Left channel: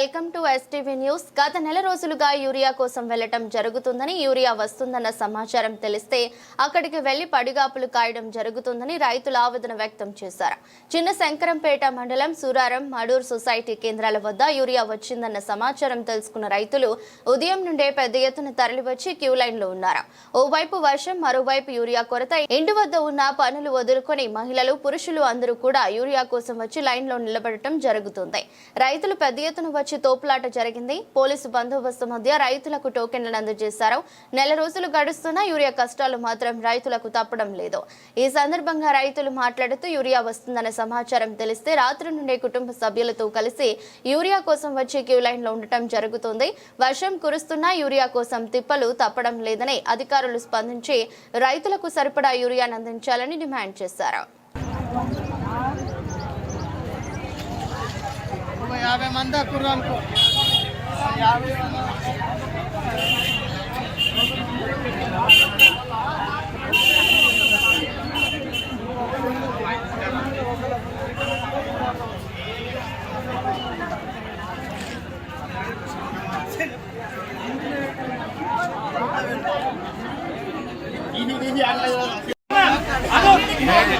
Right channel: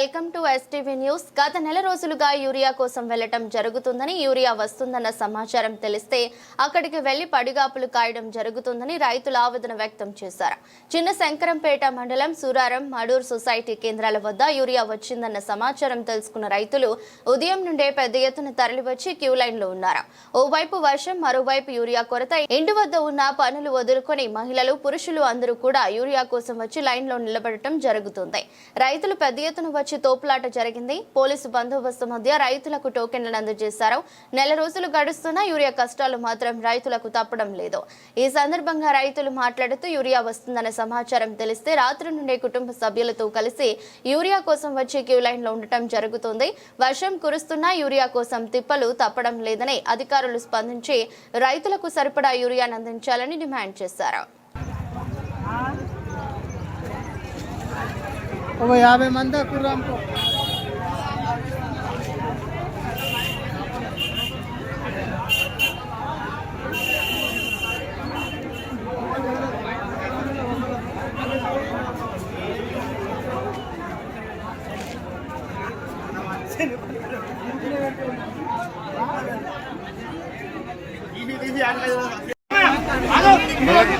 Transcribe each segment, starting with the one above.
Welcome to STV news. గత నెల రోజులుగా యూరియా కోసం వెళ్ళటం జరుగుతుందని యూరియా వస్తుందన్న సమాచారం తెలిస్తే అక్కడికి వెళ్ళి పడిగాపులు కాయడం జరుగుతుందని రైతులు ఆవేదన వ్యక్తం చేశారు. చిన్న శంకరంపేట మండలం సూరారం మడూర్ సొసైటీ కేంద్రాల వద్ద యూరియా వచ్చిందన్న సమాచారం తెలుసుకున్న రైతులు ఉదయం నుండే పెద్ద ఎత్తున తరలివచ్చి క్యూ లైన్లో ఉన్నారు. ఓవైపు వర్షం మరోవైపు యూరియా కొరత ఇంటి వద్ద ఉన్న పనులు వదులుకొని మహిళలు పురుషులు అందరూ కూడా యూరియా కోసం వచ్చి లైన్లో నిలబడటం జరుగుతుంది. రైతులు పెద్ద ఎత్తున వచ్చి తోపులాట జరిగింది. పోలీసు బందోబస్తు మధ్య రైతులకు టోకెన్లను అందజేశారు. నెల రోజులు గడుస్తున్నా యూరియా కష్టాలు మాత్రం రైతులకు తప్పడం లేదు. ఈ సందర్భంగా రైతులు మాట్లాడుతూ యూరియా వస్తుందనే సమాచారం తెలిస్తే రాత్రి నుండే కుటుంబ సభ్యులతో కలిసి యూరియా కోసం వచ్చి క్యూ లైన్లో ఉండటం జరుగుతుంది. వర్షం కురుస్తున్నా యూరియా కోసం తిప్పలు తప్పడం లేదని అధికారులు స్పందించి రైతులకు సరిపడా యూరియాను అందించాలని డిమాండ్ చేశారు. ఒక యాభై మంది కుర్రు అనుకో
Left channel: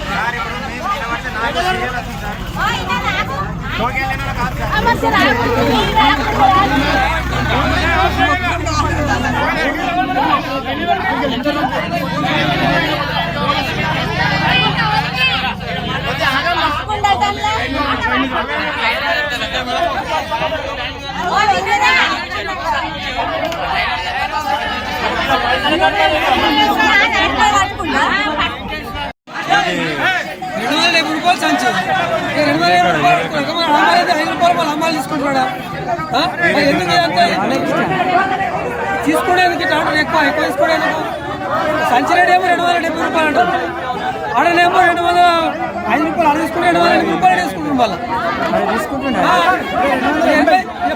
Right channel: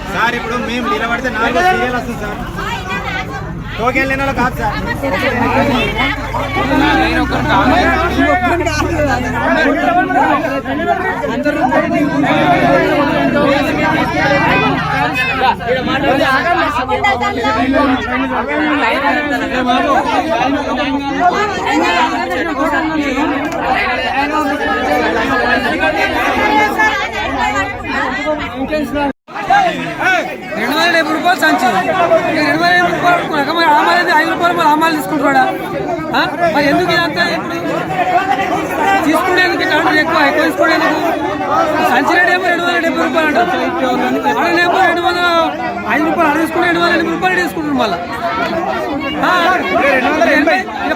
సార్ ఇప్పుడు మేము నిలబడితే నాలుగు సీరియల్ వస్తుంది సార్ టోకెన్ లేని వాళ్ళు కాదు సార్ రెండు వందల డెబ్బై రూపాయలు సంచి. రెండు వందల డెబ్బై మరి ఆమాలు అయితే ఐదు రూపాయలు మరి ఆమాలు తీసుకుంటాడా? మరి ఎందుకు ఇదంతా? ఇప్పుడు తీసుకునేందుకు ఇట్లా అంటారు ఎక్కువ ఎక్కువ తీసుకునేందుకు? సంచి రేట్ ఏమో రెండు వందల డెబ్బై రూపాయలు అంటారు. ఆడనేమో రెండు వందల ఐదు రూపాయలు ఆడ తీసుకుంటే రెండు వందల ఎనభై రూపాయలు తీసుకుంటారు మళ్ళీ.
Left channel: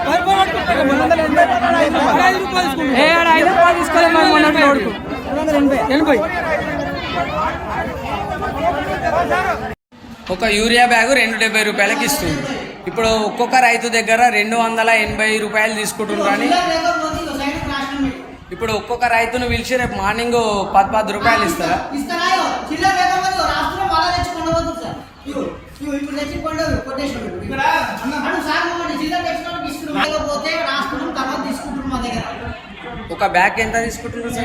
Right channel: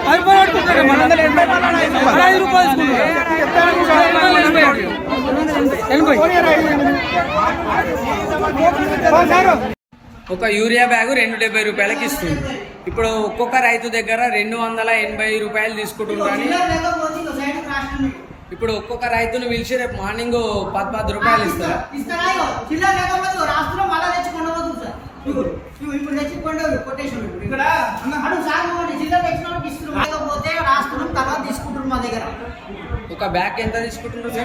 పది రూపాయలు పట్టుకుంటారు మన ఐదు రూపాయలు. తీసుకుంటారు ఇక రెండు వందల ఎనభై. ఎనభై. ఒక యూరియా బ్యాగు రెండు డెబ్బై రూపాయలకి ఇస్తుంది. ఇప్పుడు ఒక్కొక్క రైతు దగ్గర రెండు వందల ఎనభై రూపాయలు తీసుకుంటున్నారు ఇప్పుడు ఒక్కొక్క రైతును పిలిచి రేపు మార్నింగ్ పది పది రూపాయలు ఇస్తారా? ఒక బ్యాగ్ ఎంత తీసుకుంటున్నారు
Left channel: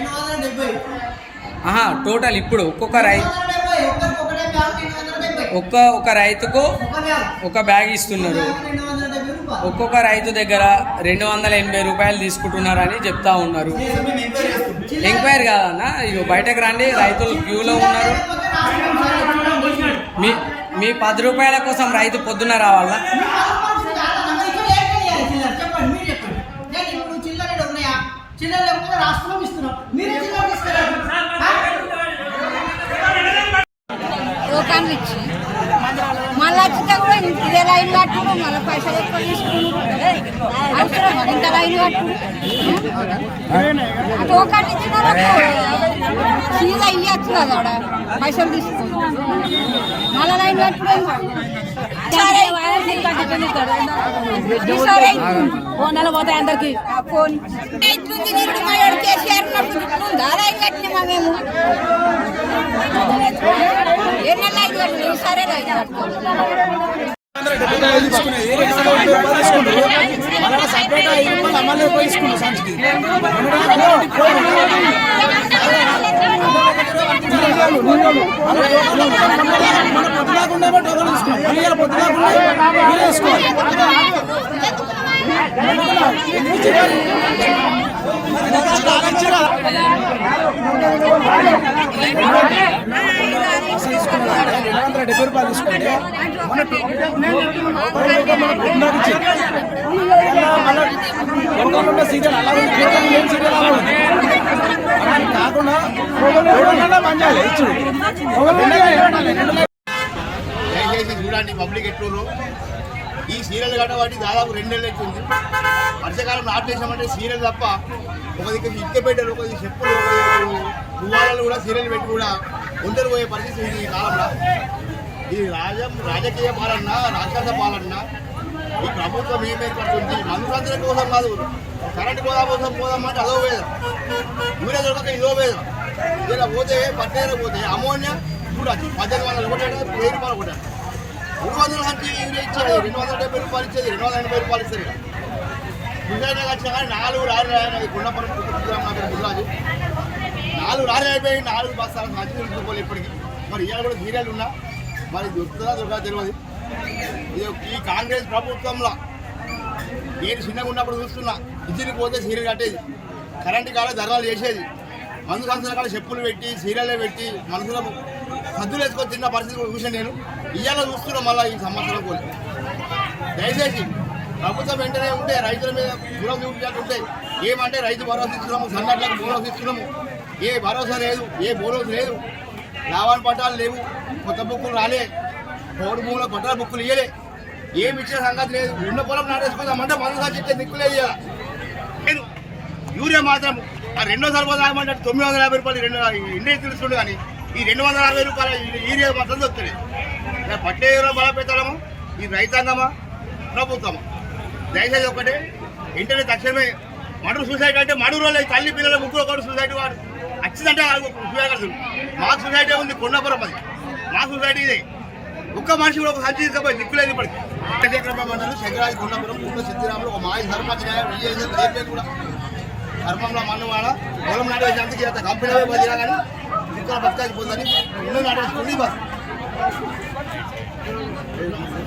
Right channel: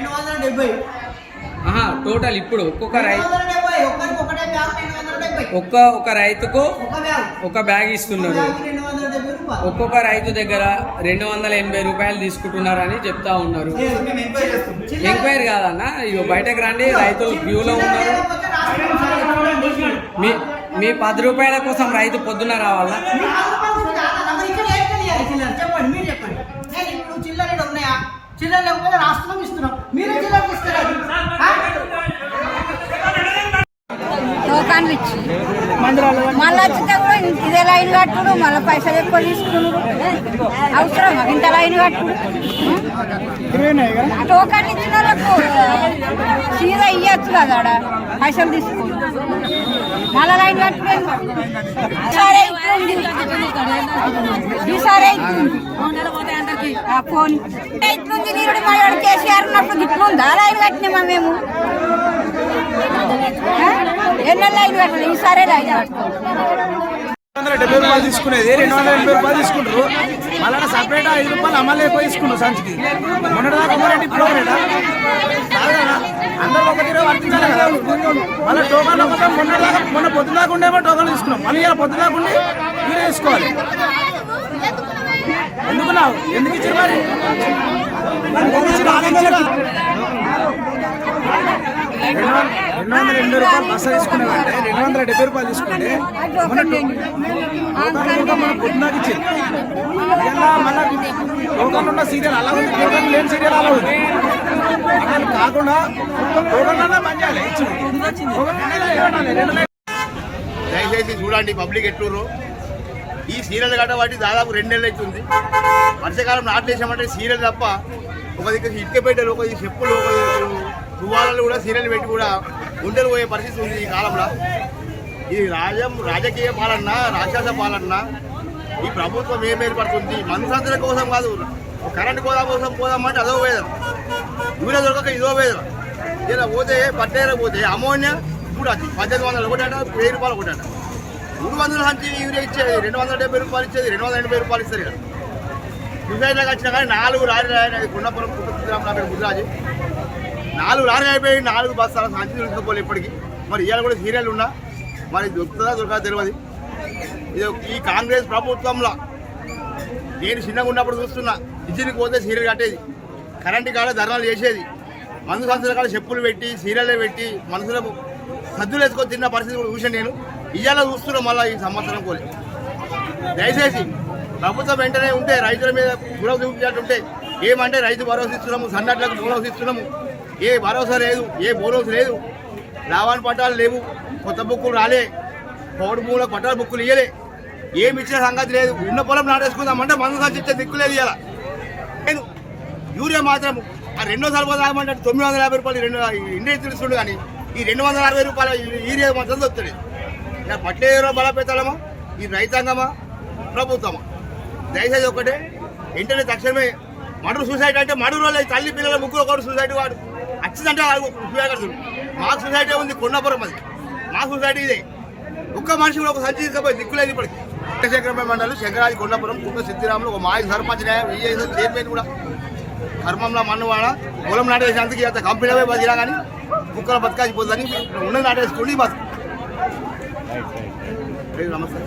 టోటల్ ఇప్పుడు ఒక్కొక్క రై రెండు వందల డెబ్బై ఒక్కరికి ఒకటే బ్యాగ్ రెండు వందల డెబ్బై ఒక్క ఒక రైతుకు ఒక బ్యాగ్ ఇస్తున్నారు. ఒక్కొక్క రైతు దగ్గర రెండు వందల ఎనభై రూపాయలు తీసుకుంటున్నారని చెప్తా ఉన్నారు. ఎంక్వైరీ కాదన్న ఇగో బయటకు రండి రైతులు క్యూలో ఉన్నారు. మీ మీ పది రూపాయల కోసం రైతు పొద్దున రావాలా? చిల్లర చెప్పండి మీరు చెప్పండి లేకపోతే రాష్ట్రం ఇస్తున్నాం మీరే చిల్లర తీసుకురాదు టోకాన్లు ఇచ్చి. మళ్ళీ వచ్చితే కూడా ఇదే లైన్ కట్టుడు మళ్ళీ పైసలు ఎక్కువ తీసుకున్నాడు అవసరం ఇంత లైన్ కట్టుడు. టోకాన్లు ఇచ్చిన వాళ్ళకు సీదా ఇయ్యచ్చు కదా పైసలు తీసుకోదు మళ్ళీ లైన్. ఆ ఫోన్. ఇట్లుంది నీరుడు మా కేసీఆర్ ఉన్నప్పుడు ఇట్లుందా? లైన్ కట్టినామా మేము? ఎన్నెల లైన్ కట్టలేదు ఈసారి లైన్ డెబ్బై రూపాయలు తీసుకునేది రెండు వందల ఎనభై రూపాయలు తీసుకుంటారు మళ్ళీ సపరేట్ ఐదు రూపాయలు అమ్మాలి ఎక్కువ తీసుకుంటారు సంచికి మొన్న దాకా కూడా ఇప్పుడు ఒకరేనా? అందరూ ఒకటి రోజు వర్తించాలి కదా. మళ్ళీ టోకన్లు కూడా మొన్న మొన్న పొద్దు దాకా ఉండేమో టోకన్లు తీసుకున్నాం. మళ్ళీ ఇలా పొద్దు దాకా మీరే తీసుకోవాలి. ఎందుకున్నావు ఎందుకు ఇచ్చారు మరి ఎందుకు రెండు వందల ఎనభై రూపాయలు బస్సు తీసుకునేదంటే రెండు వందల డెబ్బై రూపాయలు తీసుకుంటే మన టోకన్లు మన పొద్దునాకి ఇచ్చింది ఇలా మళ్ళీ టోకన్లు ఉన్న సీరియల్ అలా ఉంది. టోకన్లు లేని సీరియల్ అలా ఉంది. అలా కాకుండా టోకన్లు అన్నా చేయాలి. దయచేసి చూడండి పబ్లిక్ ఎట్లూరు ఈ సీరియల్ కట్టబట్టి దాదాపు రెండు నెలలు అవుతుంది. వర్షాకాలం నాటేసామంటే సీరియల్ తప్ప ఒక దగ్గర ఇటుక పెట్టలు ఒక చెప్పులు ఒక దిక్కు కూడా సీరియల్ పెట్టి కూడా గుండెలు పోయే పరిస్థితి ఉంది ఈ కాలంలో. ఈ రాజం రాజకీయ పాలన రాక్షస పాలన ఈ ప్రభుత్వం ఏం ఏర్పడుతుంది? మనుషులందరి కోసం కాదు కరెంట్ కోదా కోసం పోదామంటే అదో వేదం. యూరియా దొరకక ఇదో వేదం. ఇలా పోతే పట్టేర పోతే అమోనియా కూడా పద్దెనిమిది వందలు ఒకటట వెయ్యి రూపాయలు ఒకటట. మూడు వందల నుంచి యూరియా ఇచ్చేది. రెండు వందల డెబ్బై రూపాయలు ఇచ్చేది రెండు వందల ఎనభై రూపాయలు ఇస్తారు ఇక్కడ సుసైడ్లోకి వచ్చినా కానీ నాలుగు రాని రాయని గుండపురం కుటుంబం నా పేరు గుజరాజీ నాలుగు రాని అయిపోయి నాలుగు బస్తాల సంచి దొరుకుతుపోలే ఇప్పటికి. మరి ఇవాళ కూడా సీరియల్ ఉన్నా. మరి దొరుకుతుందా దొరకదా తెలియదు. ఈ కాంగ్రెస్ ప్రభుత్వంలో నేను చిన్నగా ఉన్నప్పుడు చూస్తున్నా ఇంటికి పోతే సీరియల్ కట్టేది. కరెంటు కాడ ధర్నాలు చేసేది. మందు సంస్థల కాడ చెప్పులు పెట్టి సీరియల్ పెట్టి మనుషుల సద్దులు వేసుకొని తిన్న పరిస్థితి కూడా చూసాను నేను. ఇవాళ చూస్తున్నాం మళ్ళీ ఈ సంవత్సరం కోలి దయచేసి ప్రభుత్వం వెంటనే ఉంటే రైతుల మీద గురవ చూపించాలంటే ఏమంటే రైతు భరోసా ఇస్తున్నాము సన్నట్లకు బోనస్ ఇస్తున్నాము. ఏ భరోసా లేదు ఏ బోనస్ లేదు. లావాన్ పట్టాలు లేవు కొత్త బుక్కులు రాలే. పౌడు భూములకు పట్టాల బుక్కులు ఇయ్యలే. ఏమి ఇచ్చిన సంగతి లేదు. ఉన్న పొలం నాటేసుకుందామంటే మందు సంచి దిక్కు లేదు కదా నేను యూరియా మాత్రం ఆ రెండో సరిపోదు ఆగమంటే తొమ్మిది వందల యాభై రూపాయలు రెండు ఇండియా తెలుస్తుండే కానీ ఈ రెండు వందల అరవై రూపాయల యూరియా మాత్రం దొరుకుతుంది ఇలా పట్టేదో బలపెట్టాలమా ఈ రైతాంగమా? ప్రభుత్వమా? దయచేసి ఒకటే వెంటనే తక్షణమే మడుగు సూసైడ్ అంటే మడుగు రోజులు తల్లి పిల్లల ముగ్గురు ఒకటి సూసైడ్ వాడు. వచ్చిందంటే సూసైడ్ మా సొసైటీ ఉంది కొండపురం అది. మా సొసైటీ ఇదే. ఒక్క మనిషి కూడా ఒక సంచి తీసుకపోయి దిక్కులేదు ఇప్పటికి. చక్రమే మండలి శంకరాజు కొండపురం కుండ సిద్ధిరాములు ఒక మాజీ సర్పంచ్ విజయ్ చైర్మన్ కూడా. ధర్మంలో మన్నువాడ పొలం నాటేసేందుకు ఇంత కంపెనీ బతికినా కానీ కుక్కల బతకాల్సిపోతుందని ఉన్నది నాటేసుకుని బతుకు నమస్తే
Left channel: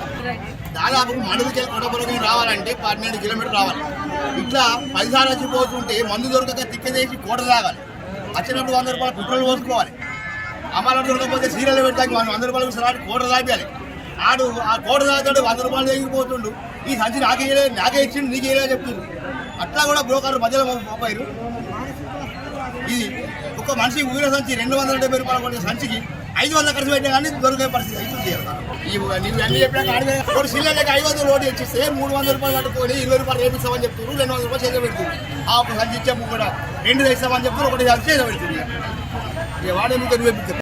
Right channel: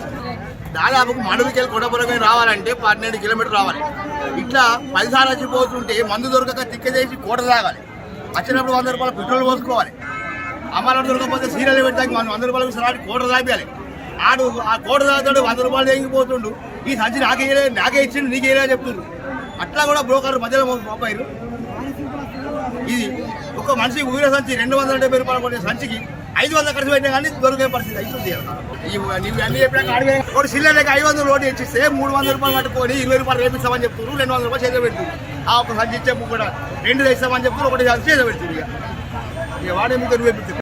దాదాపు మండలికెళ్ళి కొండపురం రావాలంటే పన్నెండు కిలోమీటర్లు రావాలి. ఇట్లా పదిసార్లు వచ్చిపోతుంటే మందు దొరకక తిక్క చేసి కోట తాగాలి. వచ్చినప్పుడు వంద రూపాయలు పెట్రోల్ పోసుకోవాలి. అమ్మాయిలు దొరకకపోతే సీరియల్ పెట్టడానికి వంద రూపాయలు సలాడి కోట తాగాలి ఆడు ఆ కోట దాతాడు వంద రూపాయలు తెగిపోతుండు ఈ సంచి నాకే నాకే ఇచ్చిండు నీకే ఇయ్యలే అని చెప్తుండ్రు అట్లా కూడా బ్రోకర్ మధ్యలో మోపారు ఇది ఒక మనిషికి ఊరిన సంచి రెండు వందల డెబ్బై రూపాయలు కొనే సంచికి ఐదు వందలు ఖర్చు పెట్టినా కానీ దొరికే పరిస్థితి అవుతుంది నువ్వు అన్ని చెప్పినాక అడిగే ఒక సిల్లర్లకి ఐదు వందలు రోడ్డు ఇచ్చిస్తే మూడు వందల రూపాయలు పట్టుకొని ఇరవై రూపాయలు రేపిస్తామని చెప్తున్నారు రెండు వందల రూపాయలు చేత పెడుతుంది. ఆ ఒక సంచి ఇచ్చే కూడా రెండు తెస్తామని చెప్తున్నారు ఒకటి చేత పెడుతుంది ఇక. ఇక వాడే మీకు నువ్వు